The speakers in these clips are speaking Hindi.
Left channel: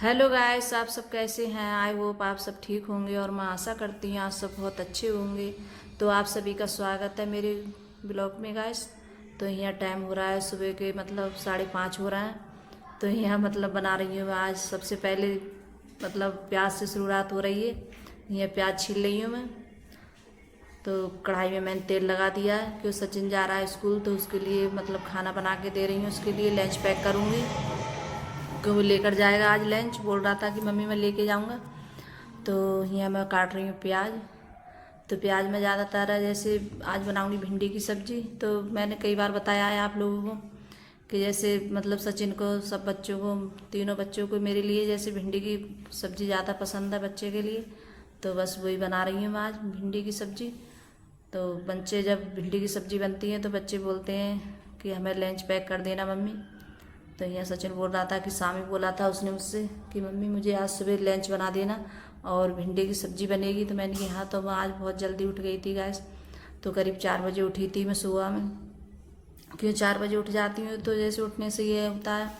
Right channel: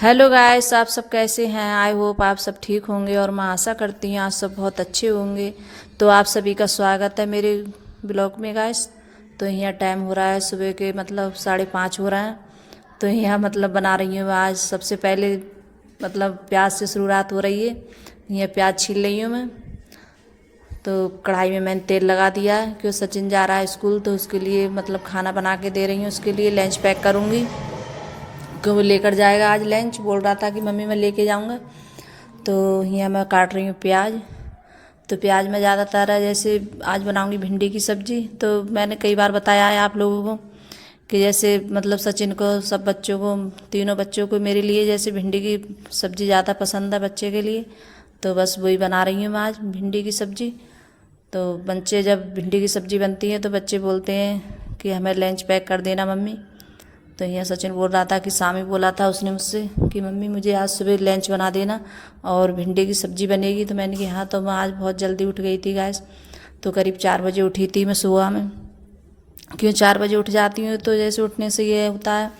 हेलो गाइस, आप सब कैसे हैं। आई होप आप सब ठीक होंगे और मैं आशा करती हूँ आप सब बहुत अच्छे होंगे। तो आप सभी का स्वागत है मेरे ब्लॉग में गाइस। तो यहाँ टाइम हो रहा है सुबह के मतलब 5:30 हो रहा है। तो यहाँ मतलब बना रही हूँ आज सबसे पहले मतलब प्याज से शुरुआत हो रही है। यहाँ प्याज छील रही हूँ मैं। तो कढ़ाई में मैंने तेल लगा दिया है क्योंकि सचिन जा रहा है स्कूल, तो उसके लिए मतलब खाना बना के दे रही हूँ। उसके लिए लंच पैक करूँगी कि वो लेकर जाएगा आज लंच। बोल रहा था कि मम्मी मैं लेके जाऊंगा। तो यहाँ मैं काट रही हूँ प्याज। तो प्याज में ज़्यादातर जैसे आज बनाऊंगी भिंडी की सब्ज़ी। तो मैंने कई बार बताया है आप लोगों को कि जैसे मतलब सचिन को, सब बच्चों को, तीनों बच्चों को मेरे लिए जैसे भिंडी की सब्ज़ी ज़्यादा पसंद है बच्चे के लिए। तो बस वही बना रही हूँ मैं आज भिंडी की सब्ज़ी। तो बच्चे जब भिंडी की सब्ज़ी बनती है तो बच्चे बोलते हैं कि हमें लंच पैक कर देना मम्मी। तो यहाँ सचिन बोल रहा था कि शामी बोला था उसने मुझसे कि मम्मी मुझे आज सुबह लंच बना देना और भिंडी की सब्ज़ी बनेगी। तो मैंने कहा हाँ। तो मैं आज बहुत जल्दी उठ गई थी गैस। तो करीब 4 बजे उठी थी मैं सुबह में। क्यों 4 बजे उठ जाती हूँ तो जैसे उठने से ये होता है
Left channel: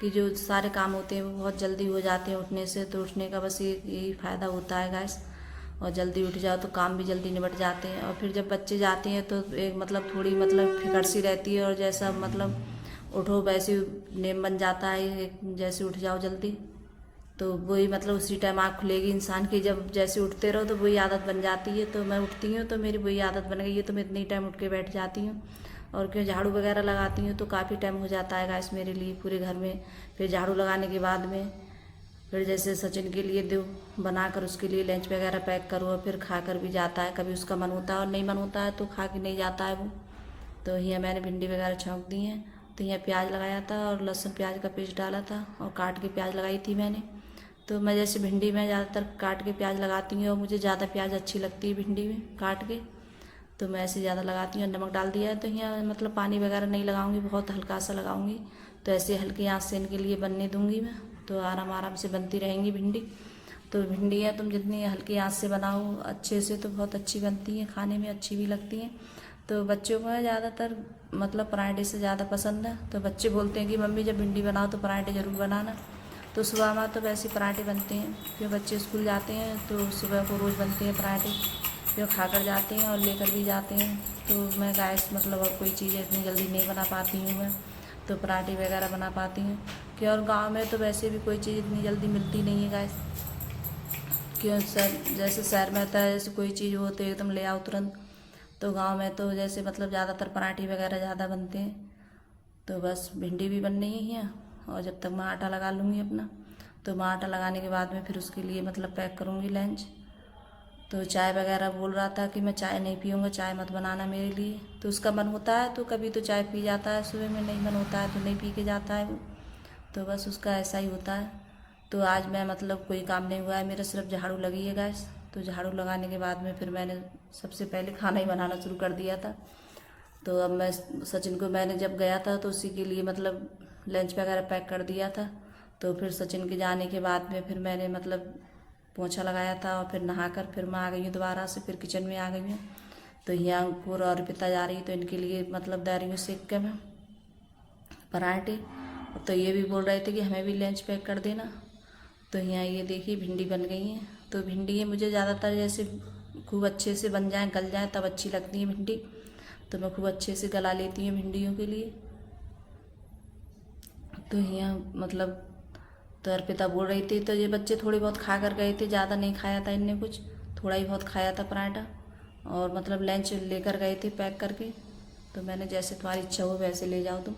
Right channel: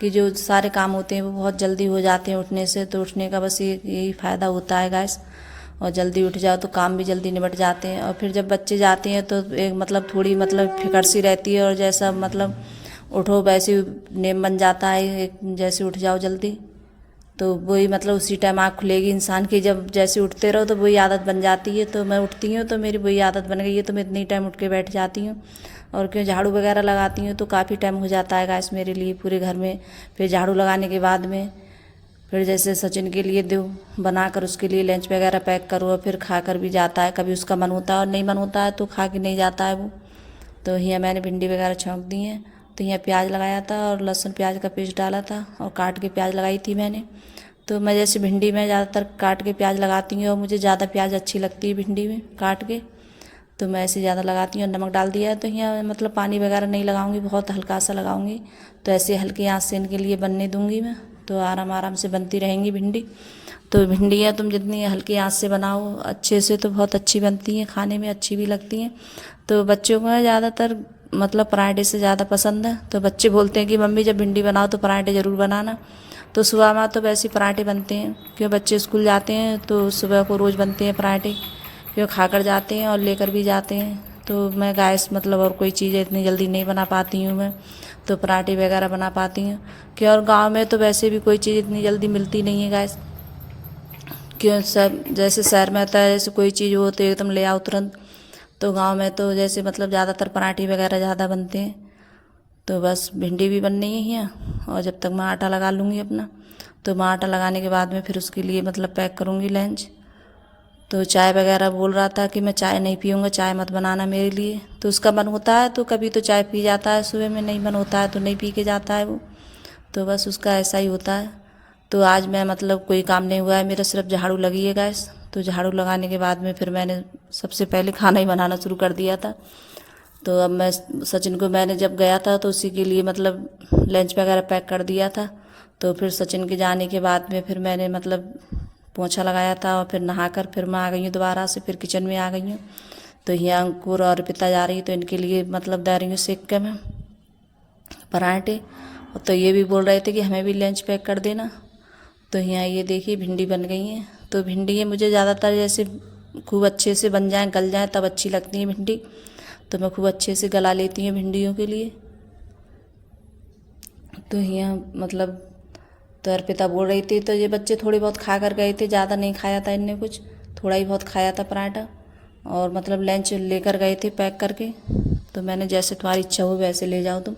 कि जो सारे काम होते हैं वो बहुत जल्दी हो जाते हैं उठने से। तो उठने का बस ये यही फ़ायदा होता है गैस। और जल्दी उठ जाओ तो काम भी जल्दी निपट जाते हैं। और फिर जब बच्चे जाते हैं तो एक मतलब थोड़ी मतलब फिक्र सी रहती है और जैसा मतलब उठो वैसे नेम बन जाता है एक जैसे उठ जाओ जल्दी। तो वही मतलब उसी टाइम आँख खुलेगी इंसान की। जब जैसे उठते रहो तो वही आदत बन जाती है। तो मैं उठती हूँ तो मेरी वही आदत बन गई है। तो मैं इतनी टाइम उठ के बैठ जाती हूँ। और क्यों झाड़ू वगैरह लगाती हूँ तो काफ़ी टाइम हो जाता है गैस मेरे लिए पूरे घर में। फिर झाड़ू लगाने के बाद में फिर जैसे सचिन के लिए दो बनाकर उसके लिए लंच वगैरह पैक करो और फिर खा कर भी जाता है। कभी उसका मन होता है और नहीं मन होता है तो खा के नहीं जाता है वो। तो यहाँ मैंने भिंडी वगैरह छौंक दी हैं। तो यहाँ प्याज लगाया था और लहसुन प्याज का पेस्ट डाला था और काट के प्याज लगाई थी मैंने। तो मैं जैसे भिंडी में ज़्यादातर काट के प्याज लगाती हूँ और मुझे ज़्यादा प्याज अच्छी लगती है भिंडी में काट के। तो मैं ऐसे ज़्यादा लगाती हूँ और नमक डाल दिया। तो यहाँ मतलब पानी वगैरह नहीं लगाऊंगी, बहुत हल्का सा लगाऊंगी। तो ऐसे हल्की आंच से इनके लिए बनने दूंगी मैं। तो आराम आराम से बनती रहेंगी भिंडी। तो भिंडियाँ तुम जितनी हल्की आंच से बनाओ अच्छे से तो बहुत अच्छी बनती हैं, खाने में अच्छी भी लगती हैं। तो बच्चों को ज़्यादातर मतलब पराठे से ज़्यादा पसंद है। तो बच्चे बोलते हैं कि मम्मी जब भिंडी बनाओ तो पराठे ज़रूर बनाना। तो सुबह में तो वैसे पराठे बनते हैं क्यों बच्चे स्कूल जाते हैं तो सुबह को रोज़ बनते हैं पराठे। क्यों खा कर जाते हैं और लेकर भी जाते हैं। तो मैं गैस मतलब और कोई चीज़ें इतनी जल्दी नहीं बना पाती हूँ मैं। तो पराठे वगैरह बना पाती हूँ। क्यों और गांव में तो वैसे भी कोई चीज़ इतनी जल्दी मिलती नहीं है गैस। क्यों सर जैसे शहर में होता है जैसे कोई चीज़ हो तो एकदम ले आओ तुरंत। तो गांव में तो जैसे मतलब ज़्यादातर पराठे वगैरह ज़्यादा बनते हैं। तो बस भिंडी भी बननी ही है और जब तक मैं आटा लगा लूँगी अपना। तो मैं आटा लगाने के बाद में फिर उसके लिए मतलब पैक करूँगी लंच। तो चाय वगैरह बोल रहा था कि मैं चाय नहीं पीऊँगा, चाय मत बनाना मेरे लिए। तो उसका मन होता है तो कभी तो चाय पी जाता है सुबह में, नहीं मन होता है तो नहीं पी के जाता है वो। तो बस उसका ऐसा ही होता है। तो आज मैं मतलब कोई काम नहीं हुआ है मेरा, सिर्फ झाड़ू लगी है गैस। तो झाड़ू लगाने के बाद में फिर मैंने सबसे पहले खाना ही बनाना शुरू कर दिया था। तो अब मैं सचिन को मैंने जब गया था तो उसी के लिए मतलब लंच वगैरह पैक कर दिया था। तो फिर सचिन के जाने के बाद में फिर मैंने मतलब पोछा लगाया था और फिर नहाकर फिर मैं आ गई हूँ दोबारा से, फिर किचन में आ गई हूँ। तो यहाँ अंकुर और पिता जा रही तो इनके लिए मतलब दे रही हूँ सेक के मैं पराठे। तो ये भी बोल रहे थे कि हमें भी लंच पैक कर देना। तो यहाँ ये देखिए भिंडी बन गई हैं। तो भिंडी ये मुझे ज़्यादातर जैसे खूब अच्छे से बन जाए, गल जाए तब अच्छी लगती है भिंडी। तो मैं खूब अच्छे से गला लेती हूँ भिंडियों के लिए। तो यहाँ मतलब तो अर्पिता बोल रही थी तो ये बच्चे थोड़े बहुत खा कर गए थे, ज़्यादा नहीं खाया था इनने कुछ, थोड़ा ही बहुत खाया था पराठा। और मतलब लंच लेकर गए थे पैक करके। तो मैंने जैसे तुम्हारी इच्छा हो वैसे ले जाओ तुम।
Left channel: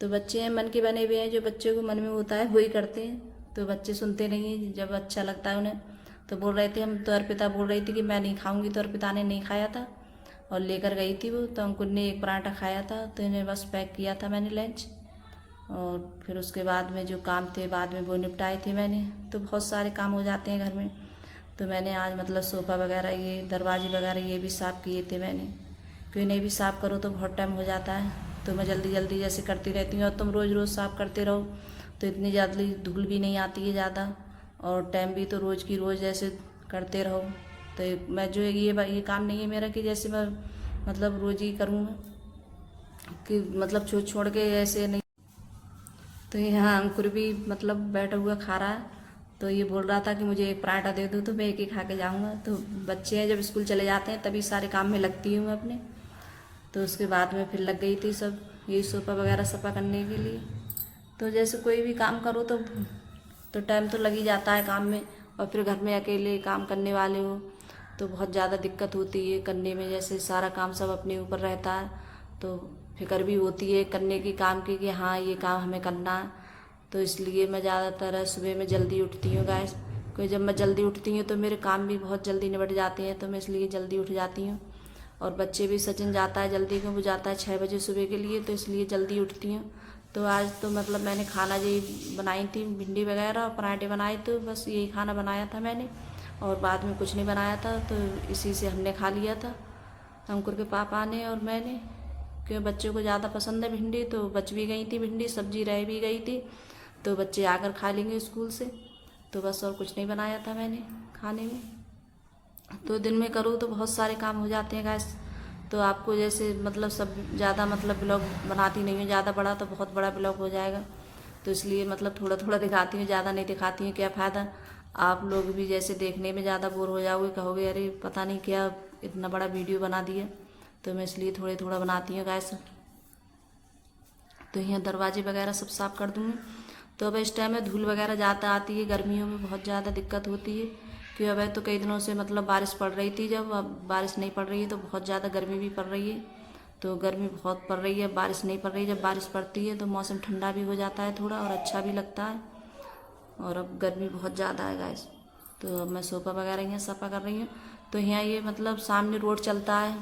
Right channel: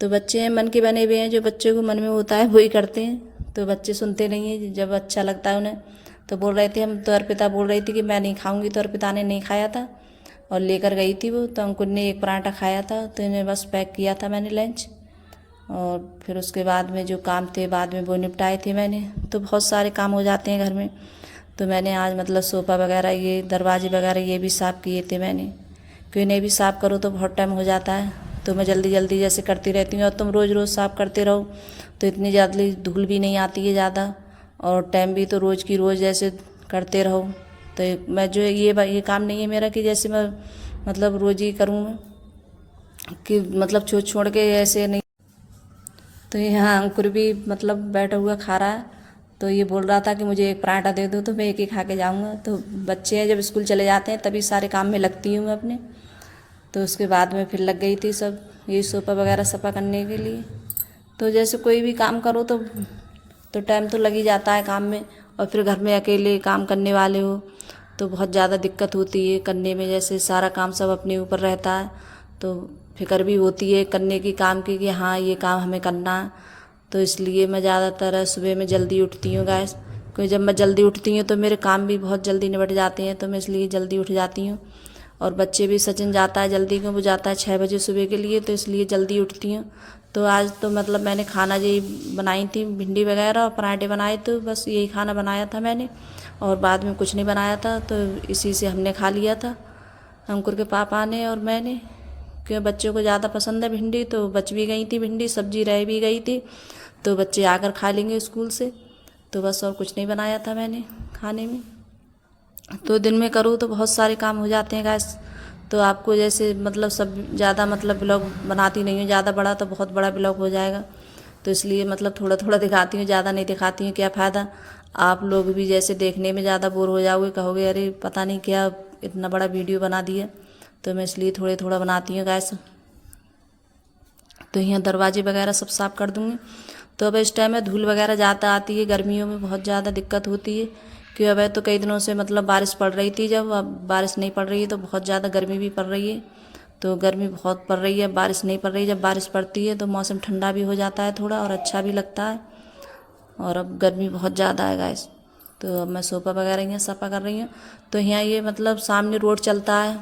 तो बच्चे मन के बने हुए हैं, जो बच्चों को मन में होता है वही करते हैं। तो बच्चे सुनते नहीं हैं, जब अच्छा लगता है उन्हें। तो बोल रहे थे हम, तो अर्पिता बोल रही थी कि मैं नहीं खाऊंगी। तो अर्पिता ने नहीं खाया था और लेकर गई थी वो। तो अंकुर ने एक पराठा खाया था। तो इन्हें बस पैक किया था मैंने लंच। और फिर उसके बाद में जो काम थे बाद में वो निपटाए थे मैंने। तो बहुत सारे काम हो जाते हैं घर में। तो मैंने आज मतलब सोफ़ा वगैरह, ये दरवाजे वगैरह ये भी साफ़ किए थे मैंने। क्यों इन्हें भी साफ़ करो तो बहुत टाइम हो जाता है। तो मैं जल्दी जल्दी जैसे करती रहती हूँ और तुम रोज़ रोज़ साफ़ करते रहो तो इतनी जल्दी धूल भी नहीं आती है ज़्यादा। और टाइम भी तो रोज़ की रोज़ जैसे करते रहो। तो मैं जो है ये काम नहीं है मेरा कि जैसे मैं मतलब रोज़ ही करूँ मैं, कि मतलब छोड़ छोड़ के ऐसे नहीं। तो यहाँ अंकुर भी मतलब बैठा हुआ खा रहा है। तो ये बोल रहा था कि मुझे एक पराठा दे दो, तो मैं एक ही खा के जाऊँगा। तो बच्चे हैं, जब स्कूल चले जाते हैं तभी सारे काम में लगती हूँ मैं अपने। तो उसके बाद में फिर लग गई थी सब ये सोफ़ा वगैरह सफ़ा करने के लिए। तो जैसे कोई भी काम करो तो टाइम तो लग ही जाता है काम में, और फिर घर में अकेले काम करने वाले हो तो बहुत ज़्यादा दिक्कत होती है करने में। जैसे सारा काम सब अपने ऊपर रहता है तो फिक्र भी होती है करने की काम की कि हाँ ये काम हमें करना है। तो इसलिए मैं ज़्यादातर सुबह में जल्दी उठती हूँ गाइस, क्योंकि जब मैं जल्दी उठती हूँ तो मेरे काम भी बहुत जल्दी निपट जाते हैं, तो मैं इसलिए जल्दी उठ जाती हूँ। और बच्चे भी, सचिन जाता है जल्दी, क्यों वो जाता है 6 बजे सुबह के लिए, तो इसलिए जल्दी उठती हूँ। तो आज तो मतलब मैंने खाना यही बनाई थी, भिंडी वगैरह और पराठे बनाए, तो बस यही खाना बनाया था मैंने, और बाद में कुछ नहीं बनाया था। तो इसी से हमने खा लिया था, अंकुर के पापा ने और मैंने, क्योंकि बच्चों को ज़्यादा पसंद है भिंडी। तो बच भी गई थी भिंडी, सब्जी रह भी गई थी, तो बच्चे आकर खा लेंगे स्कूल से। तो बस और कुछ नहीं बनाया था मैंने खाने में। तो दिन में करूँ तो बहुत सारे काम हो जाते हैं गैस। तो आपको जैसे मतलब सब ज़्यादा मतलब ब्लॉग बनाती नहीं हूँ, ज़्यादा बड़ा तो बहुत बड़ा ब्लॉग हो जाएगा, तो इसलिए मतलब थोड़ा थोड़ा दिखाती हूँ, ज़्यादा नहीं दिखाती हूँ। क्या फ़ायदा, आप लोग भी जैसे देखने में ज़्यादा बोर हो जाओगे, कहोगे अरे पता नहीं क्या इतना बड़ा वीडियो बना दिया। तो मैं इसलिए थोड़े थोड़ा बनाती हूँ गैस। तो यहाँ दरवाजे वगैरह सब साफ़ कर दूँगी। तो अब इस टाइम में धूल वगैरह ज़्यादा आती है, गर्मियों में बहुत ज़्यादा दिक्कत होती है, कि अब तो कई दिनों से मतलब बारिश पड़ रही थी, जब अब बारिश नहीं पड़ रही है तो बहुत ज़्यादा गर्मी भी पड़ रही है। तो गर्मी बहुत पड़ रही है, बारिश नहीं पड़ रही। जब बारिश पड़ती है तो मौसम ठंडा भी हो जाता है थोड़ा, और अच्छा भी लगता है। और अब गर्मी बहुत ज़्यादा है गाइस। तो अब मैं सोफ़ा वगैरह यहाँ सफ़ा कर रही हूँ। तो यहाँ ये मतलब सामने रोड चलता है,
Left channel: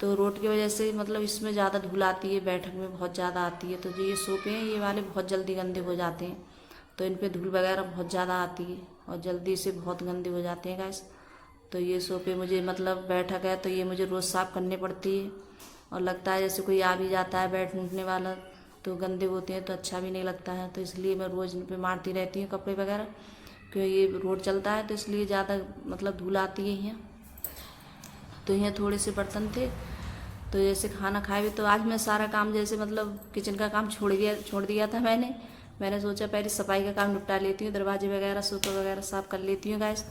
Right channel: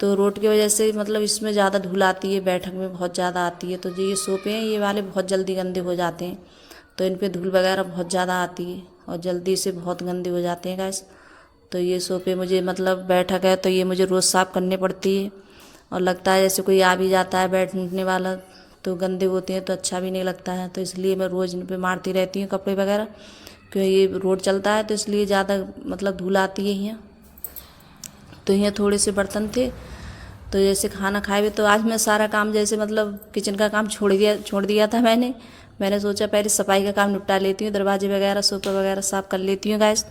तो रोड की वजह से मतलब इसमें ज़्यादा धूल आती है, बैठक में बहुत ज़्यादा आती है। तो जो ये सोफ़े हैं ये वाले बहुत जल्दी गंदे हो जाते हैं, तो इन पे धूल वगैरह बहुत ज़्यादा आती है और जल्दी से बहुत गंदे हो जाते हैं गैस। तो ये सोफ़े मुझे मतलब बैठक है तो ये मुझे रोज़ साफ़ करनी पड़ती है, और लगता है जैसे कोई आ भी जाता है बैठने वाला तो गंदे होते हैं तो अच्छा भी नहीं लगता है। तो इसलिए मैं रोज़ इन पर मारती रहती हूँ कपड़े वगैरह, क्योंकि ये रोड चलता है तो इसलिए ज़्यादा मतलब धूल आती है यहाँ। तो यहाँ थोड़े से बर्तन थे, तो जैसे खाना खाए भी, तो आज मैं सारा काम जैसे मतलब किचन का काम छोड़ दिया था मैंने सोचा पहले सफाई का काम निपटा लेती हूँ, दरवाजे वगैरह सोफ़ा वगैरह साफ़ कर लेती हूँ गैस।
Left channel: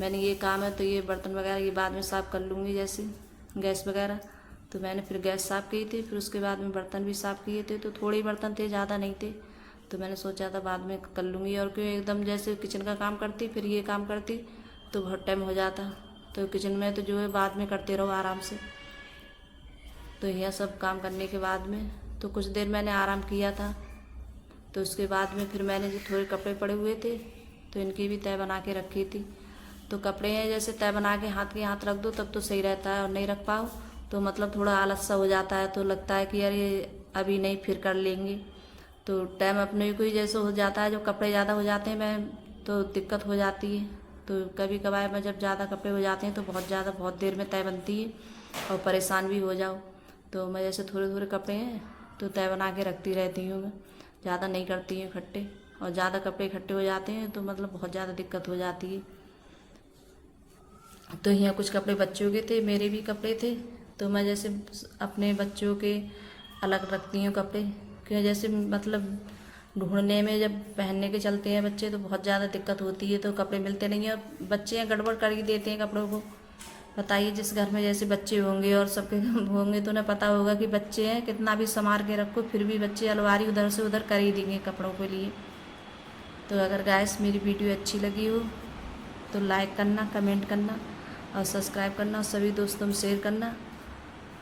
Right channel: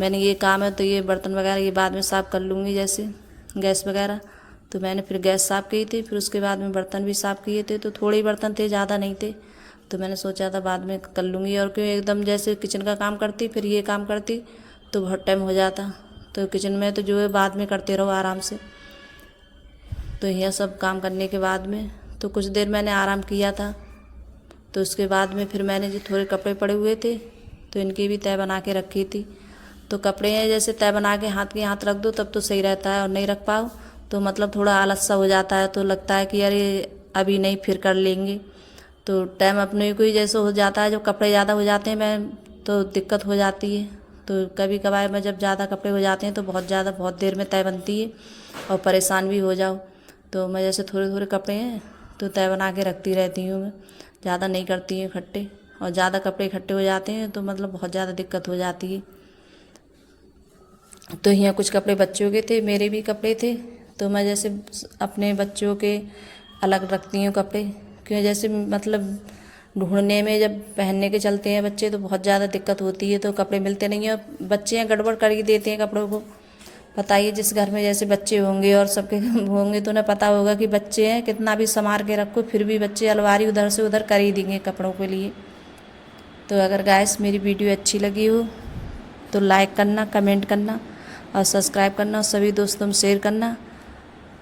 मैंने ये काम है तो ये बर्तन वगैरह ये बाद में साफ़ कर लूँगी, जैसे गैस वगैरह। तो मैंने फिर गैस साफ़ की थी, फिर उसके बाद में बर्तन भी साफ़ किए थे। तो थोड़े ही बर्तन थे, ज़्यादा नहीं थे, तो मैंने सोचा था बाद में कर लूँगी। और क्यों एकदम जैसे किचन का काम करती फिर ये काम करती तो बहुत टाइम हो जाता। तो किचन में तो जो है बाद में करते रहो आराम से। तो यह सब काम करने के बाद में तो कुछ देर मैंने आराम किया था। तो उसके बाद में फिर मैंने जो थोड़े कपड़े पड़े हुए थे तो इनकी भी तय बना के रखी थी। तो कपड़े हैं जैसे तय बना के हाथ के हाथ रख दो तब तो सही रहता है, और नहीं रख पाओ तो मतलब थोड़ा आलस सा हो जाता है, तो लगता है कि अरे अभी नहीं फिर कर लेंगे। तो टाइम अपने को ही जैसे हो जाता है, जब कपड़े ज़्यादा हो जाते हैं मैं तो दिक्कत हो जाती है। तो कभी कभार में जब ज़्यादा कपड़े हो जाते हैं तो बहुत देर में तय बनती है और परेशान भी हो जाओ। तो मैं जैसे थोड़े थोड़े कपड़े हैं तो तय बना के रखती रहती हूँ मैं, ज़्यादा नहीं करती हूँ इकट्ठे। और ज़्यादा कपड़े इकट्ठे हो जाते हैं तो मतलब बहुत ज़्यादा दिक्कत हो जाती है। तो यहाँ कुछ कपड़े बच्चों के थे, मेरे भी कपड़े थे, तो मैं जैसे अपने बच्चों के अलग रखती हूँ कपड़े, क्यों जैसे मतलब ढूंढने में जब पहनने के चलते हैं बच्चे तो बहुत ज़्यादा दिक्कत होती है, तो कपड़े मिलते नहीं हैं। बच्चे हैं गड़बड़ कर ही देते हैं कपड़ों को। बताइए जिस घर में जैसे बच्चे होंगे और सबके होंगे तो उन्हें पता होगा कि बच्चे हैं, कितना भी संभाल के रखो फिर भी बच्चे अलमारी उधर से उधर कर ही देंगे कपड़ों के लिए। तो अगर गाइस मेरी वीडियो अच्छी लगी हो तो लाइक करना, कमेंट करना और सब्सक्राइब करना और सभी दोस्तों में शेयर करना।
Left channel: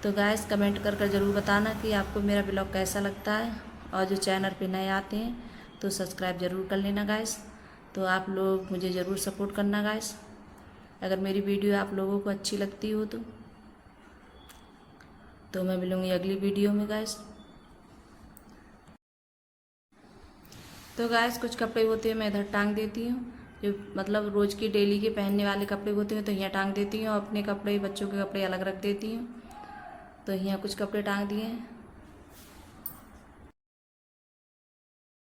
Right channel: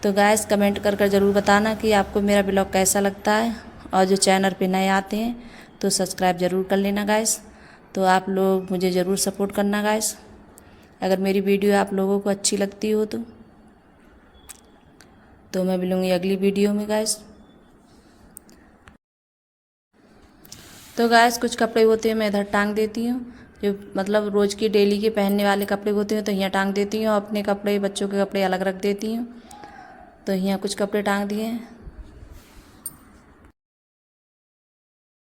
तो गाइस कमेंट कर ज़रूर बताना कि आपको मेरा ब्लॉग कैसा लगता है, और जो चैनल पे नए आते हैं तो सब्सक्राइब ज़रूर कर लेना गाइस। तो आप लोग मुझे ज़रूर सपोर्ट करना गाइस, अगर मेरी वीडियो आप लोगों को अच्छी लगती हो तो मैं मिलूँगी अगली वीडियो में गाइस। तो गाइस कुछ कपड़े होते हैं मैं इधर टांग देती हूँ, जो मतलब रोज़ की डेली के पहनने वाले कपड़े होते हैं तो यहाँ टांग देती हूँ, अपने कपड़े बच्चों के कपड़े अलग रख देती हूँ। तो यहाँ कुछ कपड़े टांग दिए हैं।